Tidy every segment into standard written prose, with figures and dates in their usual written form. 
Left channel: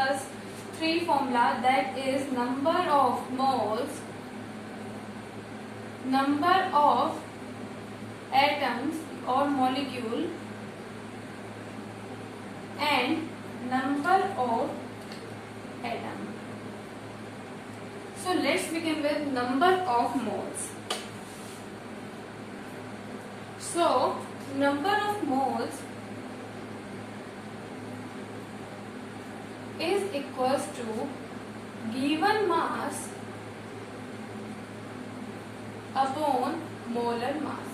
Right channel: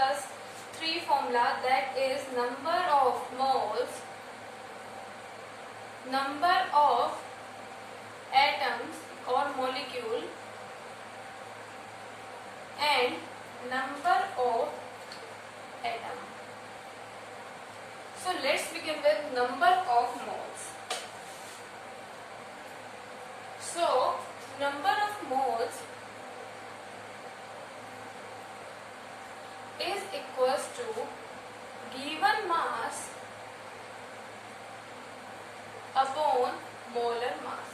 discuss three formula, that is number of moles, number of atoms or molecule, and number of atom. So let's begin with number of moles. So number of moles is equals to given mass upon molar mass.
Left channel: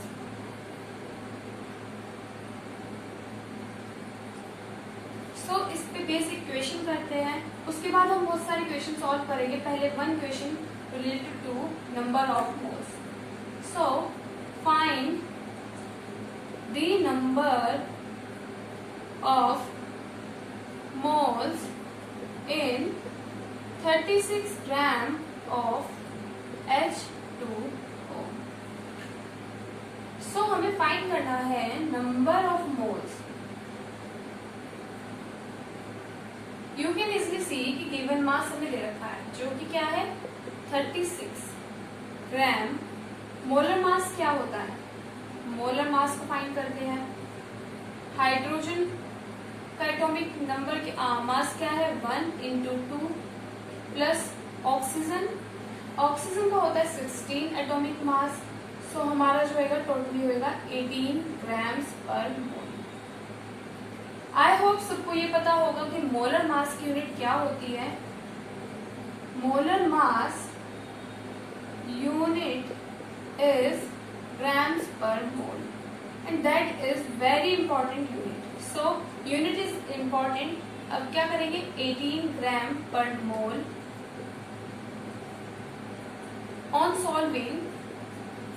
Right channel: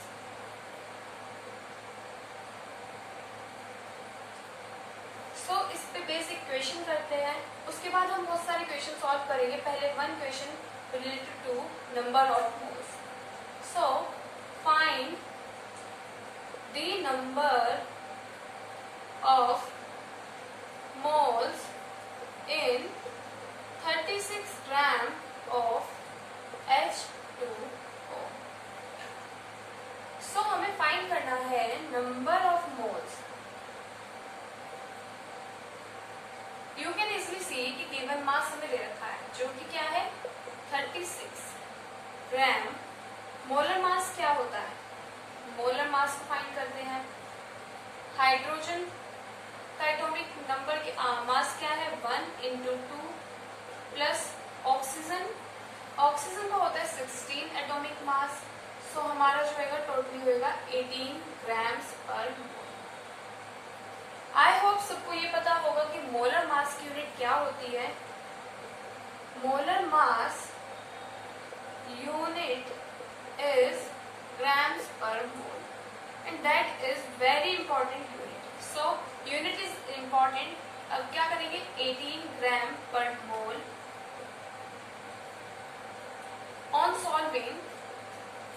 So इस पे basic equation करते हैं, उसके बाद हम बहुत सारे question solve करेंगे. पहले one question related to number of moles. So find the number of moles in 36 gram of H2O. So हमें फाइंड करना है number of moles. You can easily see कि गिवन मास हमें दे रखा है जो कि क्या है 36 ग्राम. मोलर मास क्या होता है? मोलर मास को फाइंड करते हैं. हाइड्रोजन का एटॉमिक नंबर मास क्या है 1 इंटू 2 प्लस ऑक्सीजन. ऑक्सीजन का होता है 16 एटॉमिक मास. सो हमारा जो होगा टोटली होगा 18 ग्राम्स पर मोल. आई होप सबको ये पता होगा कि मोलर मास की यूनिट क्या होती है. Molar mass unit is grams per mole and that is very important unit. So unit is important. अब क्या करेंगे 18 gram per mole. On solving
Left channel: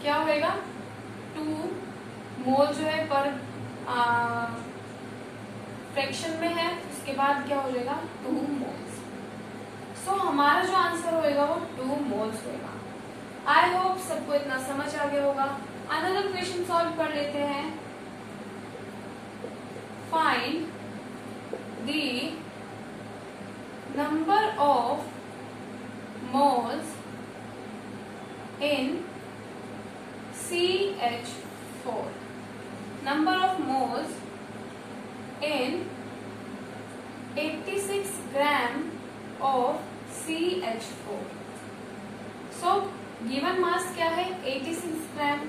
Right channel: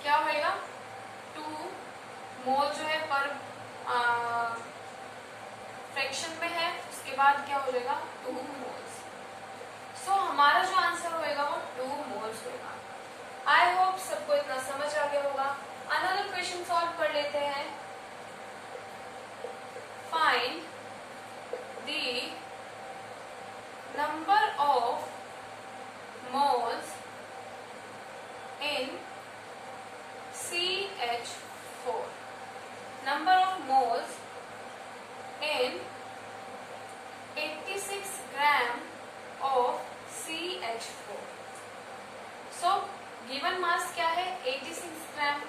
क्या होएगा 2 मोल जो है पर फ्रैक्शन में है, उसके बाद क्या हो जाएगा 2 मोल्स. सो हमारा जो आंसर होएगा वो 2 मोल्स होएगा. आई होप सबको इतना समझ आ गया होगा. अनदर क्वेश्चन सॉल्व कर लेते हैं. Find the number of moles in CH4. Number of moles in 86 gram of CH4. So given mass क्या है 86 ग्राम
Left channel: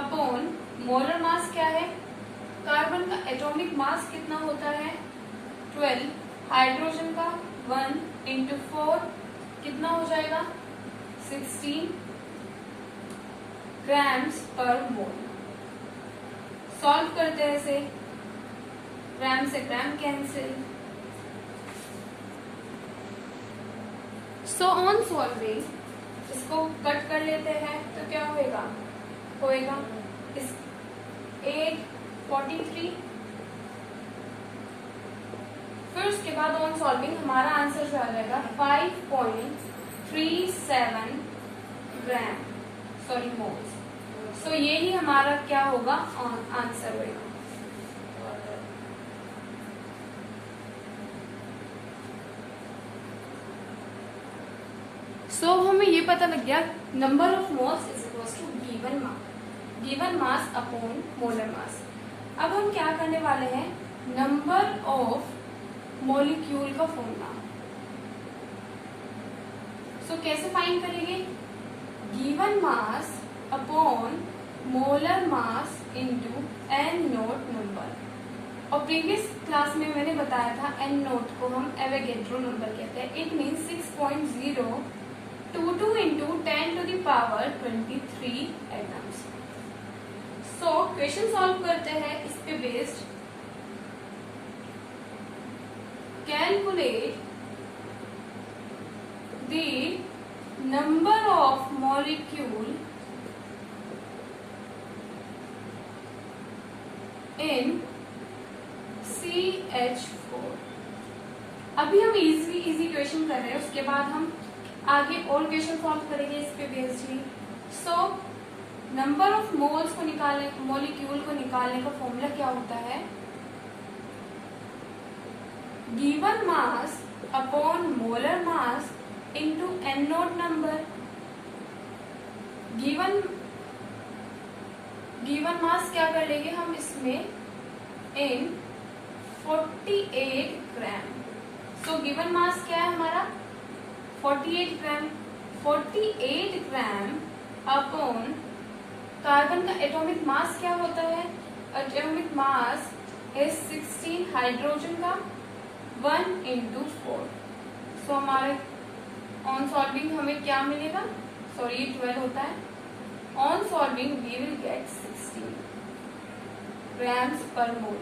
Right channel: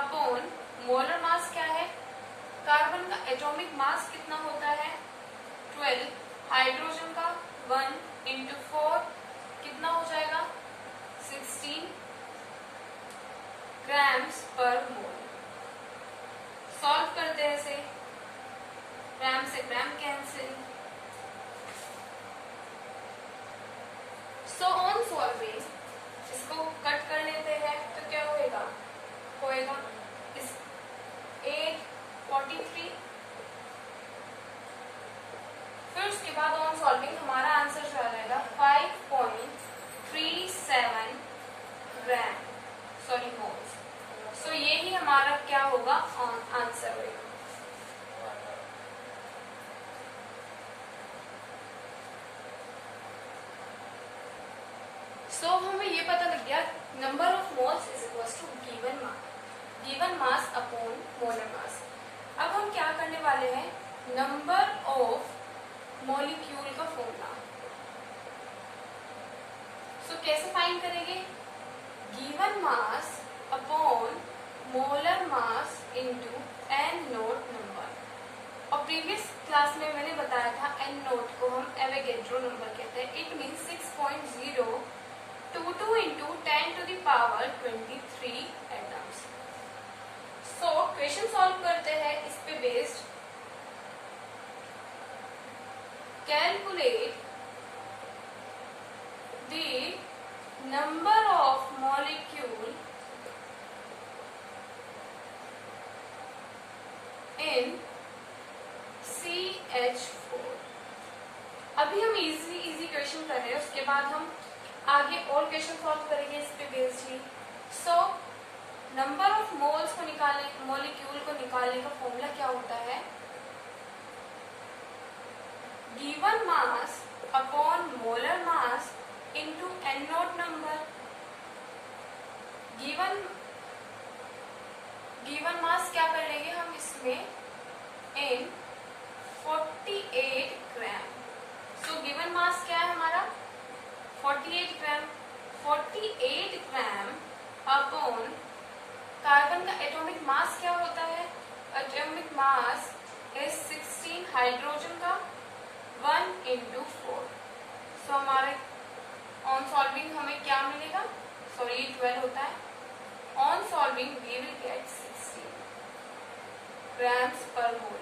अपॉन मोलर मास क्या है. कार्बन का एटॉमिक मास कितना होता है 12. हाइड्रोजन का 1 इंटू 4 कितना हो जाएगा 16 ग्राम्स पर मोल. सॉल्व करते हैं इसे. ग्राम से gram cancel. So on solving इसको कट कर लेते हैं तो क्या होएगा इस 843. फिर उसके बाद ऑन सॉल्विंग हमारा आंसर जो आ जाएगा 5.37 ग्राम सॉरी मोल्स. सो यही हमारा क्या होगा आंसर होगा. सो हमें ये पता लग गया number of moles is equal to given mass upon molar mass. अब हम क्या करने वाले हैं नंबर ऑफ मॉलिक्यूल का फॉर्मूला. सो कैसे फाइंड करेंगे given mass upon molar mass into N naught number. और प्रीवियस क्लास में मैंने बताया था एन नोट को हम एवोगैड्रो नंबर कहते हैं. It means 6.022 into 10 to the power 23 atoms. So question solve करते हैं इस पे based. Calculate the number of molecule in CH4. अभी हम इजी क्वेश्चन कर रहे हैं, उसके बाद हम आगे और क्वेश्चन सॉल्व करेंगे इस पे बेस्डली. सो नंबर ऑफ मोल्स को निकालने मॉलिक्यूल को निकालने का फॉर्मूला क्या होता है given mass upon molar mass into N naught number. Given mass क्या कर लेंगे हम इसमें इन 48 ग्राम। सो गिवन मास क्या है हमारा 48 ग्राम। 48 ग्राम अपॉन कार्बन का एटॉमिक मास क्या होता है, एटॉमिक मास इज 16, हाइड्रोजन का 1 into 4। सो हमारे ऑन सॉल्विंग हमें क्या मिलेगा, सॉरी 12 होता है, on solving we will get 16 grams per mole.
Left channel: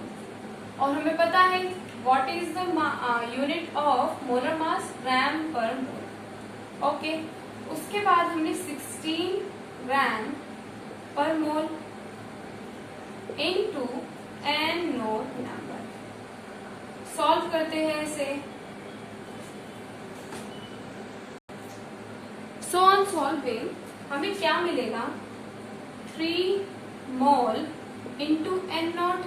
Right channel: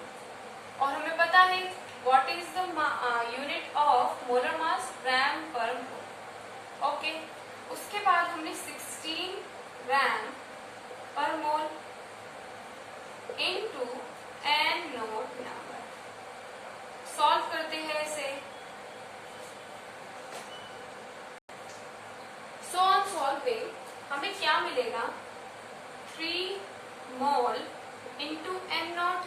और हमें पता है what is the unit of molar mass, gram per mole. Okay, उसके बाद हमने 16 gram per mole into N naught number. Solve करते हैं इसे। सो ऑन सॉल्विंग हमें क्या मिलेगा 3 mole into N naught.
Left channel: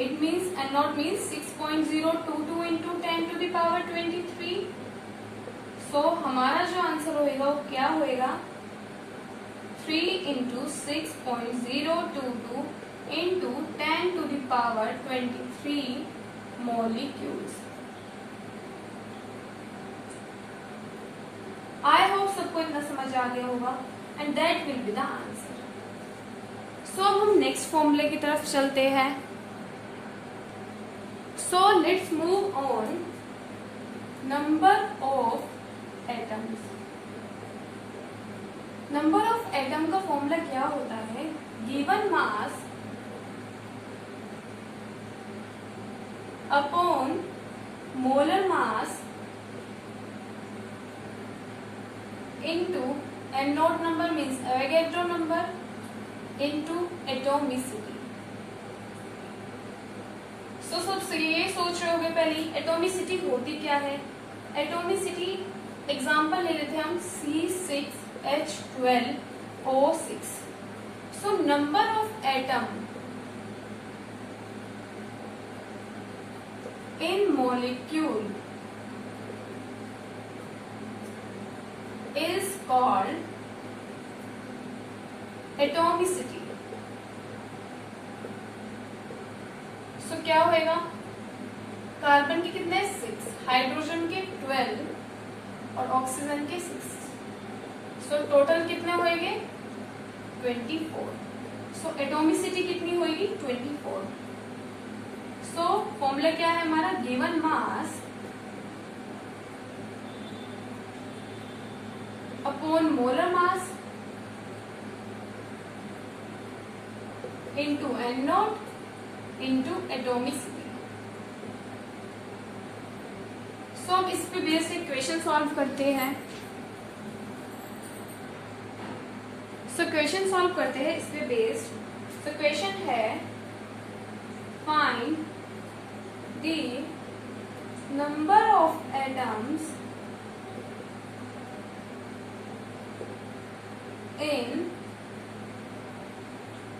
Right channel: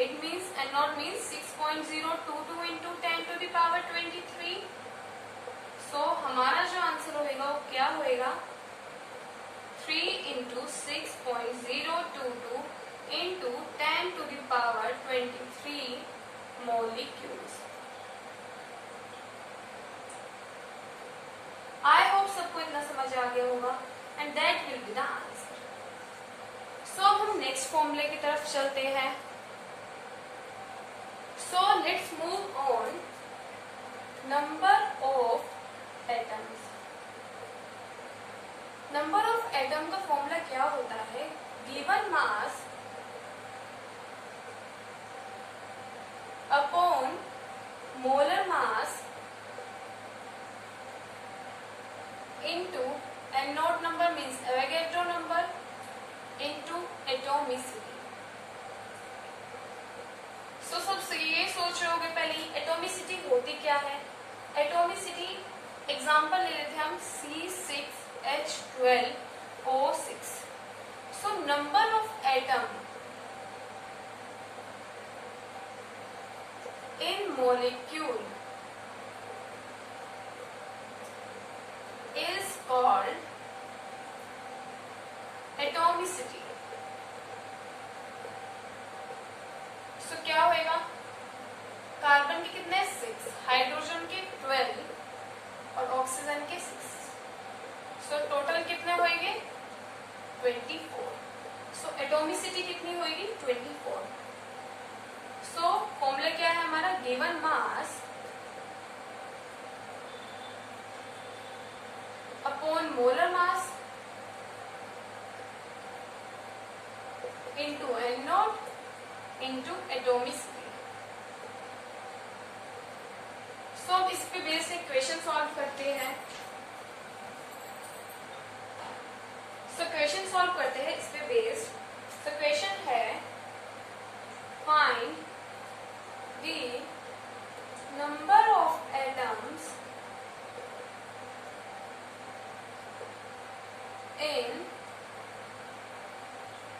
It means N naught means 6.022 into 10 to the power 23। So हमारा जो आंसर होएगा वो क्या होएगा 3 into 6.022 into 10 to the power 23 molecules। I hope सबको इतना समझ आ गया होगा and that will be the answer. So हम नेक्स्ट फॉर्मूले की तरफ चलते हैं। So let's move on number of atoms. Number of atom का फॉर्मूला क्या होता है, given mass upon molar mass into and node number means Avogadro number into atomicity। so सबसे ये सोच रहे होगे पहले एटोमिसिटी होती क्या है। एटोमिसिटी एग्जांपल ले लेते हैं हम C6H12O6। So number of atom in molecule is called atomicity। सो क्या होएगा, कार्बन के कितने 6, हाइड्रोजन के 12 और ऑक्सीजन के 6। सो टोटल कितने होएंगे 24। सो एटोमिसिटी कितनी होएगी 24। सो फॉर्मूला क्या है हमारा, given mass upon molar mass into N naught into atomicity. So अब इस पे बेस इक्वेशन सॉल्व करते हैं। सो क्वेश्चन सॉल्व करते हैं इस पे बेस्ड। सो क्वेश्चन है find the number of atoms in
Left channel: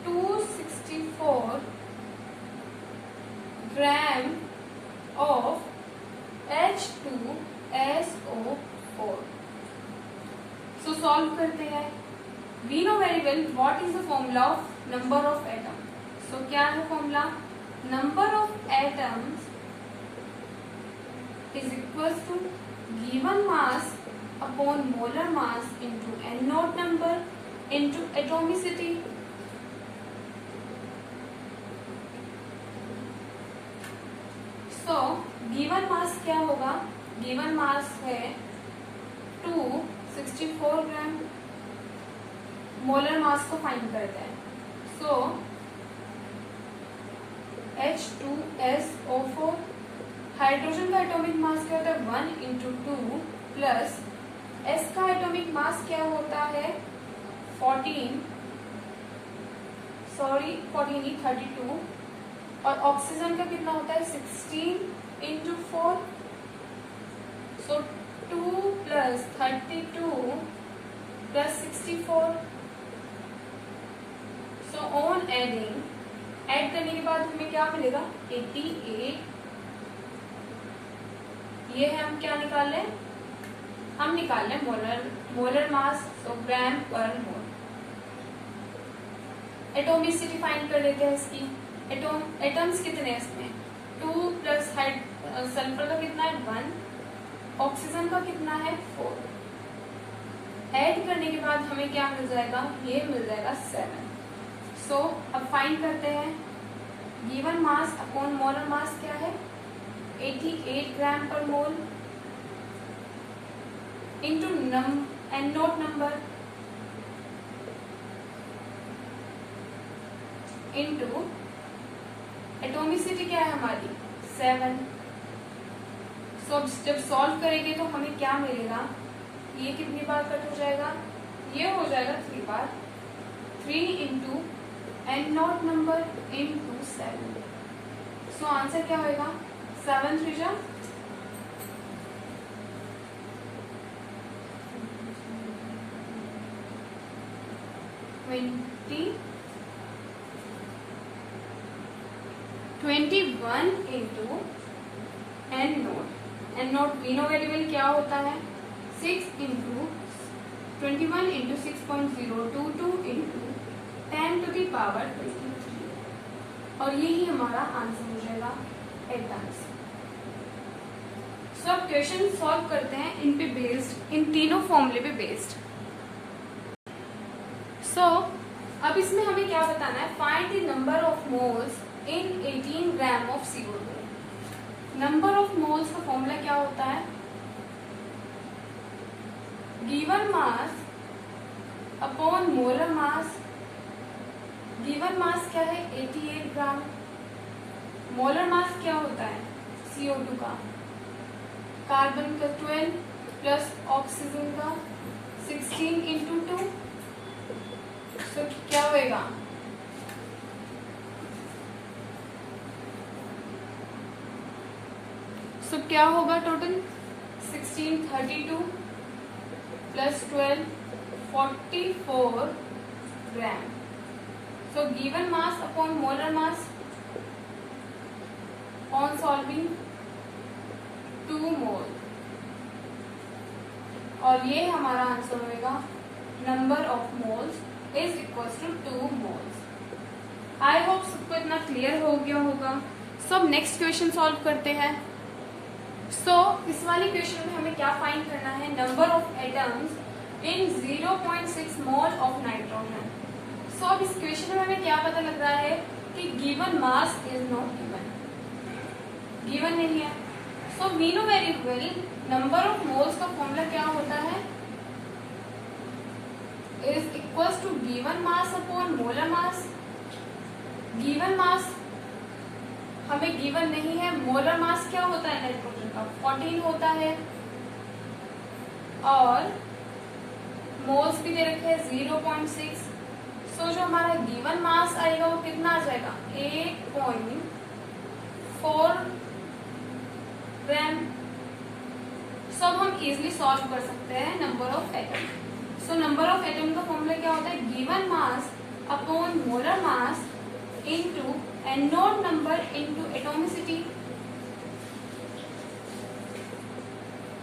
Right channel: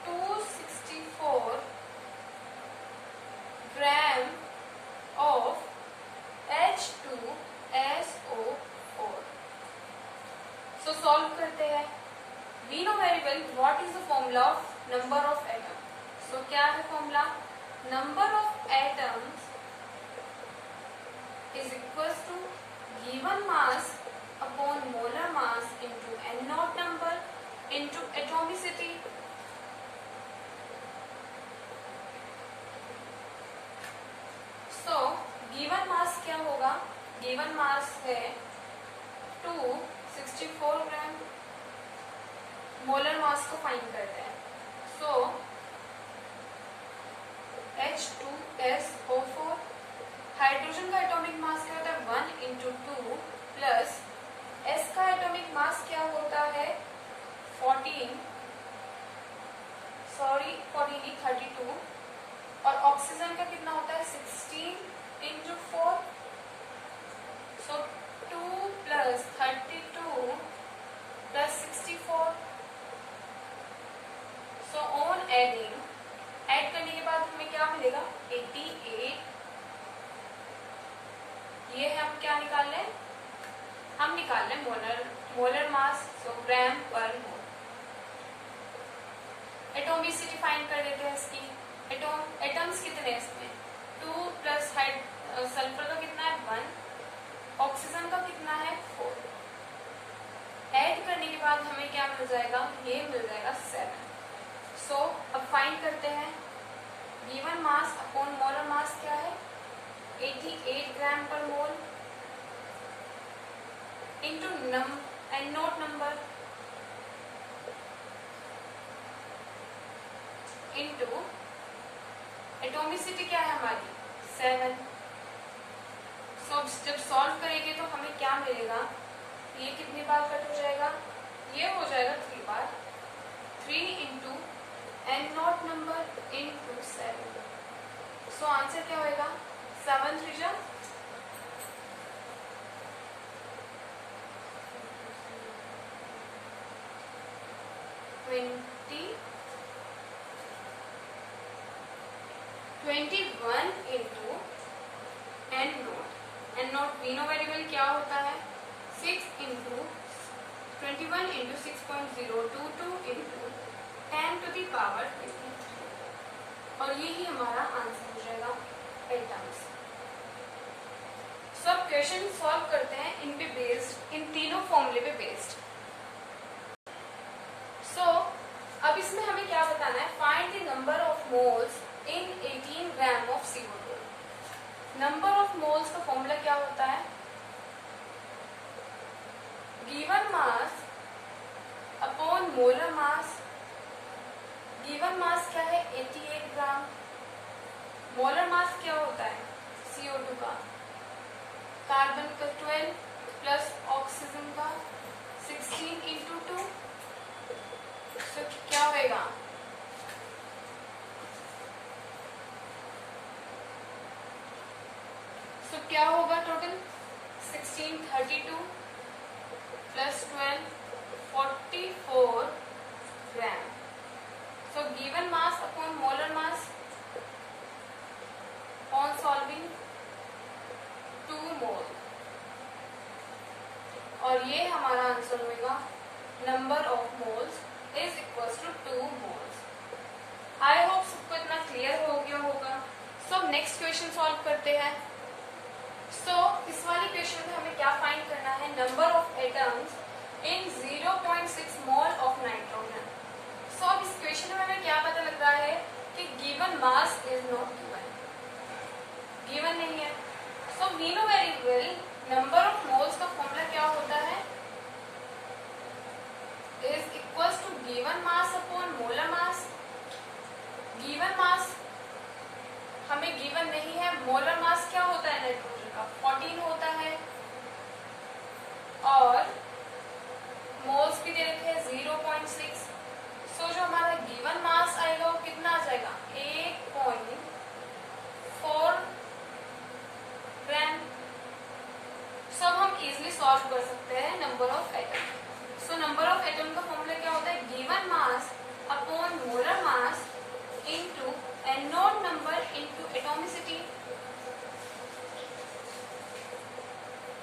264 gram of H2SO4। So solve करते हैं। We know very well what is the formula of number of atom. So क्या है formula, number of atoms is equal to given mass upon molar mass into N naught number into atomicity. So given mass क्या होगा, given मास है 264 ग्राम। Molar mass को find करते हैं। सो H2SO4, hydrogen का atomic mass क्या होता है 1 into 2 प्लस S का एटॉमिक मास क्या होता है 32 और ऑक्सीजन का कितना होता है 16 into 4। So 2 plus 32 plus 64। So on adding, add करने के बाद हमें क्या मिलेगा 88 ये है हम क्या निकाल रहे हैं, हम निकाल रहे हैं मोलर मास, तो ग्राम पर मोल। एटोमिसिटी फाइंड कर देते हैं इसकी। एटम्स कितने हैं इसमें, 2 प्लस सल्फर का कितना है 1, ऑक्सीजन का कितना है 4। ऐड करने के बाद हमें क्या मिल जाएगा, ये मिल जाएगा 7। सो अब फाइंड करते हैं given mass upon molar mass क्या है, 88 ग्राम per mole into N note number into atomicity क्या है हमारी 7। सो जब सॉल्व करेंगे तो हमें क्या मिलेगा, ये कितनी बार कट हो जाएगा, ये हो जाएगा 3 बार, 3 into N naught number into 7। So answer क्या होगा, 7 3 जा 21 into N naught we know variable क्या होता है, 6 into 21 into 6.022 into 10 to the power 23, और यही हमारा आंसर हो जाएगा एटम्स। सो अब क्वेश्चन सॉल्व करते हैं इन पे बेस्ड, इन तीनों फॉर्मूले पे बेस्ड। सो अब इसमें हमें क्या बताना है, find the number of moles in 18 gram of CO2। Number of moles का फॉर्मूला क्या होता है, given mass upon molar mass. Given mass क्या है 88 ग्राम, मोलर मास क्या होता है CO2 का, कार्बन का 12 प्लस ऑक्सीजन का 16 इंटू 2, तो क्या होएगा, सो क्या होगा total 16 32 plus 12 44 gram. So given mass upon molar mass on solving 2 mole, और ये हमारा आंसर होगा number of moles is equal to 2 moles. I hope सबको इतना क्लियर हो गया होगा। सो अब नेक्स्ट क्वेश्चन सॉल्व करते हैं। सो इस वाली क्वेश्चन में हमें क्या फाइंड करना है, number of atoms in 0.6 mole of nitrogen. So अब इस क्वेश्चन में हमें क्या पता लग रहा है कि given mass is not given नहीं है। So we know very well number of moles का फॉर्मूला क्या होता है, is equal to given mass upon molar mass. Given mass हमें गिवन नहीं है, मोलर मास क्या होता है नाइट्रोजन का 14 होता है, और मोल्स भी दे रखे हैं 0.6। सो जो हमारा गिवन मास आएगा वो कितना आ जाएगा 8.4 ग्राम। सब हम इजिली सॉल्व कर सकते हैं number of atom. So number of atom का फॉर्मूला क्या होता है, given mass upon molar mass into N note number into atomicity.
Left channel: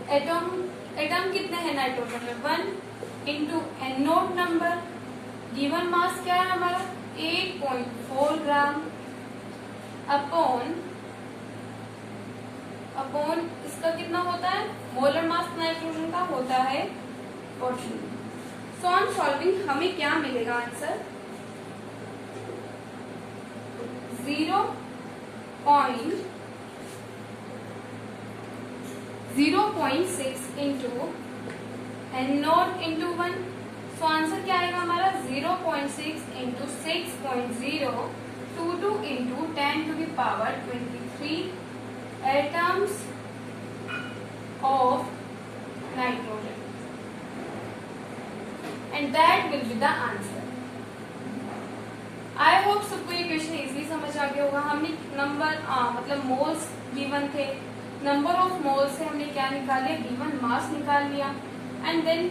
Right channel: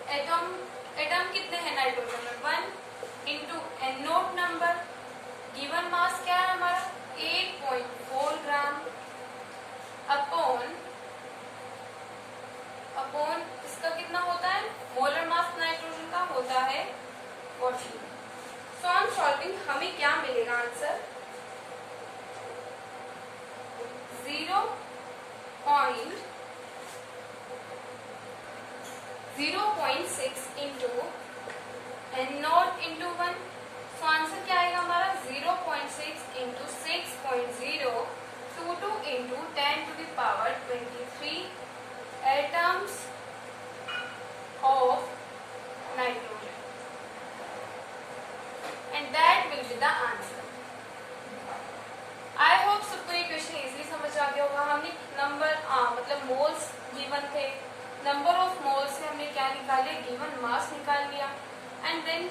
Atom कितने हैं नाइट्रोजन में 1 into N note number, given mass क्या है हमारा 8.4 ग्राम अपॉन इसका कितना होता है, मोलर मास नाइट्रोजन का होता है 14। सो ऑन सॉल्विंग हमें क्या मिलेगा answer, 0.6 into N naught into 1। So answer क्या आएगा हमारा 0.6 into 6.022 into 10 to the power 23 atoms of nitrogen, and that will be the answer. I hope सबको ये क्वेश्चन इजीली समझ आ गया होगा। हमने नंबर मतलब मोल्स गिवन थे, नंबर ऑफ मोल्स से हमने क्या निकाले, गिवन मास निकाल लिया, एंड देन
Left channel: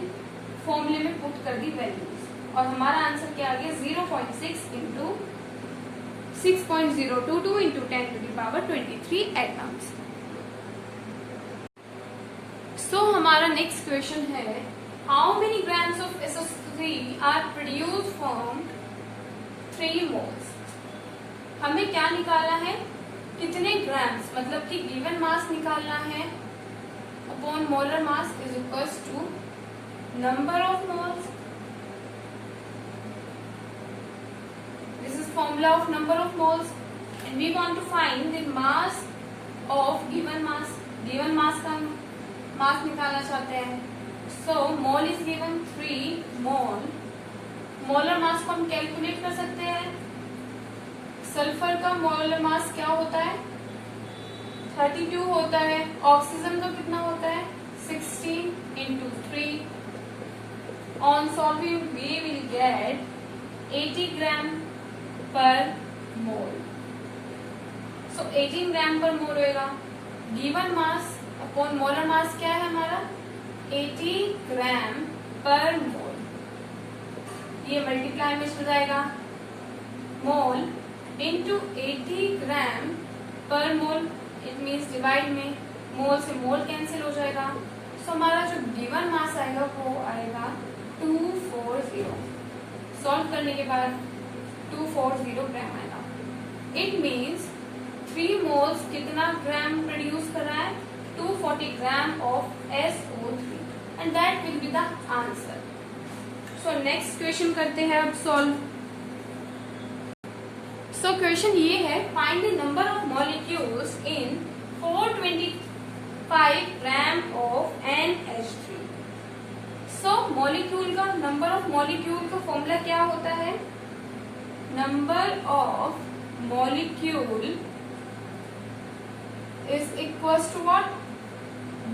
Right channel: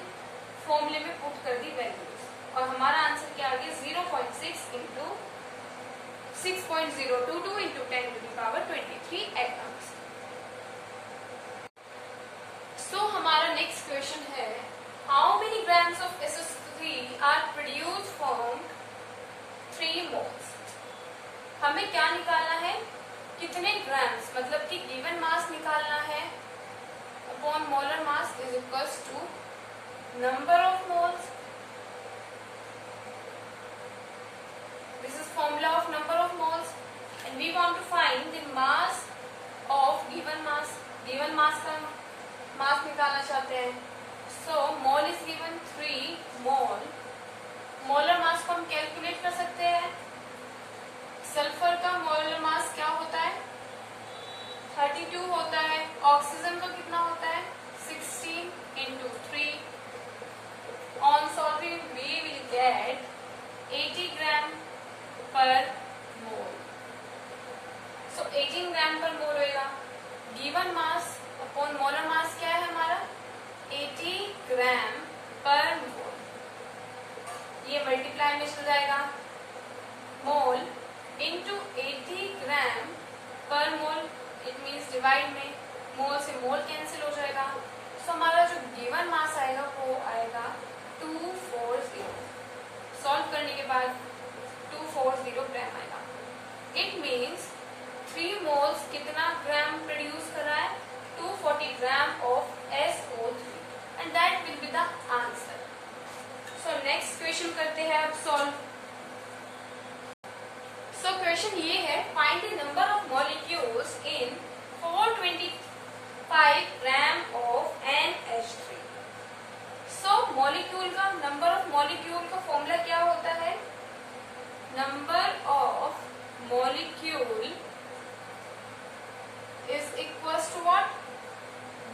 फॉर्मूले में पुट कर दी वैल्यूज, और हमारा आंसर क्या आ गया 0.6 into 6.022 into 10 to the power 23 atoms. Next question है, how many grams of SO3 are produce from 3 moles. हमें क्या निकालना है, कितने ग्राम्स, मतलब कि गिवन मास निकालना है upon molar mass is equals to number of moles. This is formula of number of moles and we want to find the mass of given mass. Given mass का mass निकालना चाहते हैं। So mole is given 3 mole. Molar mass को हम calculate कर सकते हैं। Sulphur का मोलर मास क्या होता है, 32 होता है। ऑक्सीजन का कितना होता है, 16 into 3। On solving we will get 80 gram per mole. So 18 gram per mole होगा। Given mass upon molar mass क्या है हमारा, 80 ग्राम पर मोल। ये मल्टीप्लाई में चल जाएगा, mole into 80 gram per mole, it means divide में, मोल से मोल कैंसिल हो जाएगा। तो हमारा जो गिवन मास आएगा वो आएगा 240। सॉल्व करने के बाद 240 ग्राम आएगा। इट मीन्स 3 मोल्स कितना ग्राम प्रोड्यूस कर रहा है, 240 gram of SO3 and that will be the answer. So next question करते हैं अब सॉल्व। सो क्वेश्चन ये है, find the number of molecules in 425 gram of NH3। So molecule का, नंबर ऑफ मॉलिक्यूल का फॉर्मूला क्या होता है, number of molecule is equals to what,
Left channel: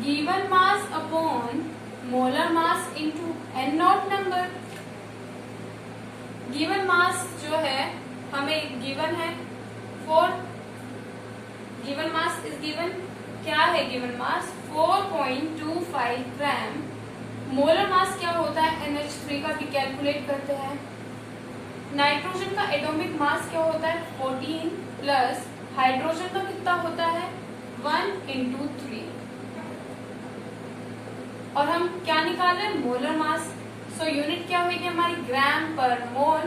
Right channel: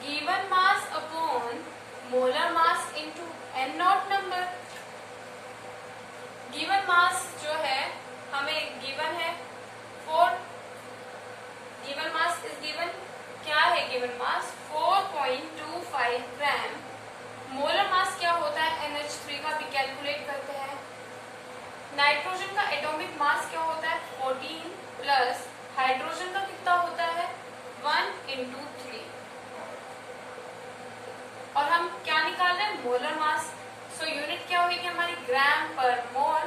given mass upon molar mass into N0 number. Given mass जो है हमें given है 4, given mass is given, क्या है गिवन मास 4.25 ग्राम। मोलर मास क्या होता है NH3 का भी कैलकुलेट करते हैं। नाइट्रोजन का एटॉमिक मास क्या होता है 14 प्लस हाइड्रोजन का कितना होता है 1 into 3। और हम क्या निकाल रहे हैं, मोलर मास। सो यूनिट क्या होगी हमारी, ग्राम पर मोल,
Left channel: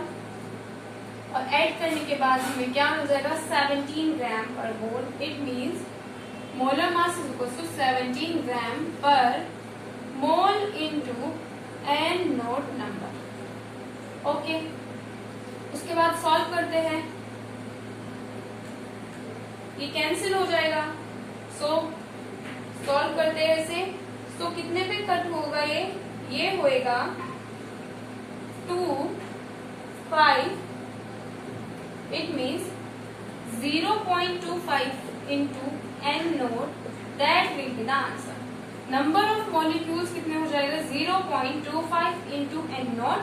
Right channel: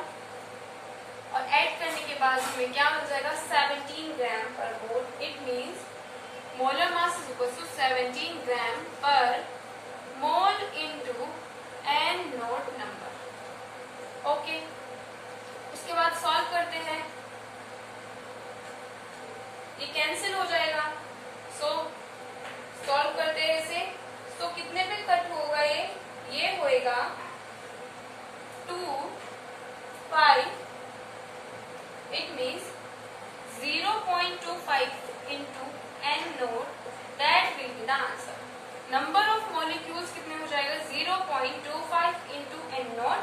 और ऐड करने के बाद हमें क्या मिल जाएगा 17 gram per mole. It means molar mass is equal to 17 gram per mole into N0 number. Okay, उसके बाद सॉल्व करते हैं, ये कैंसिल हो जाएगा। सो सॉल्व करते हैं इसे। तो कितने पे कट होगा ये होएगा 2, 5। It means 0.25 into N0, that will be the answer. Number of molecules कितने हो जाएगा 0.25 into N0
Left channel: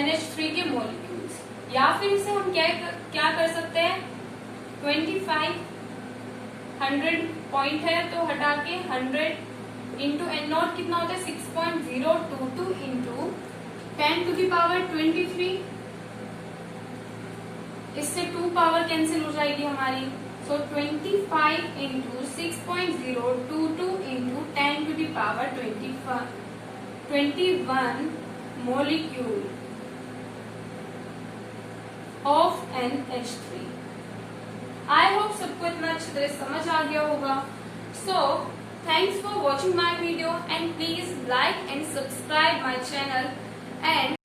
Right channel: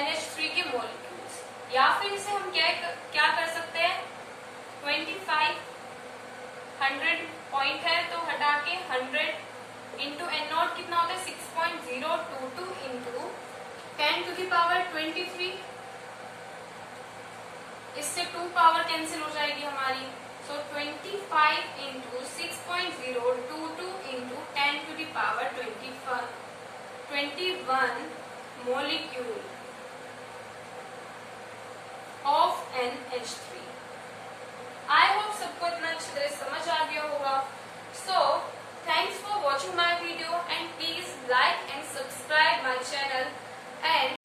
NH3 के मॉलिक्यूल्स। या फिर इसे हम क्या कर सकते हैं, 25 100 पॉइंट है तो हटा के 100 इंटू N0 कितना होता है 6.022 इंटू 10 to the power 23। इससे 2 पावर कैंसिल हो जाएगी हमारी। सो 25 into 6.022 into 10 to the power 21 molecule of NH3। I hope सबको इतना अच्छी तरह समझ आ गया होगा। So thanks for watching my video and please like and subscribe my channel and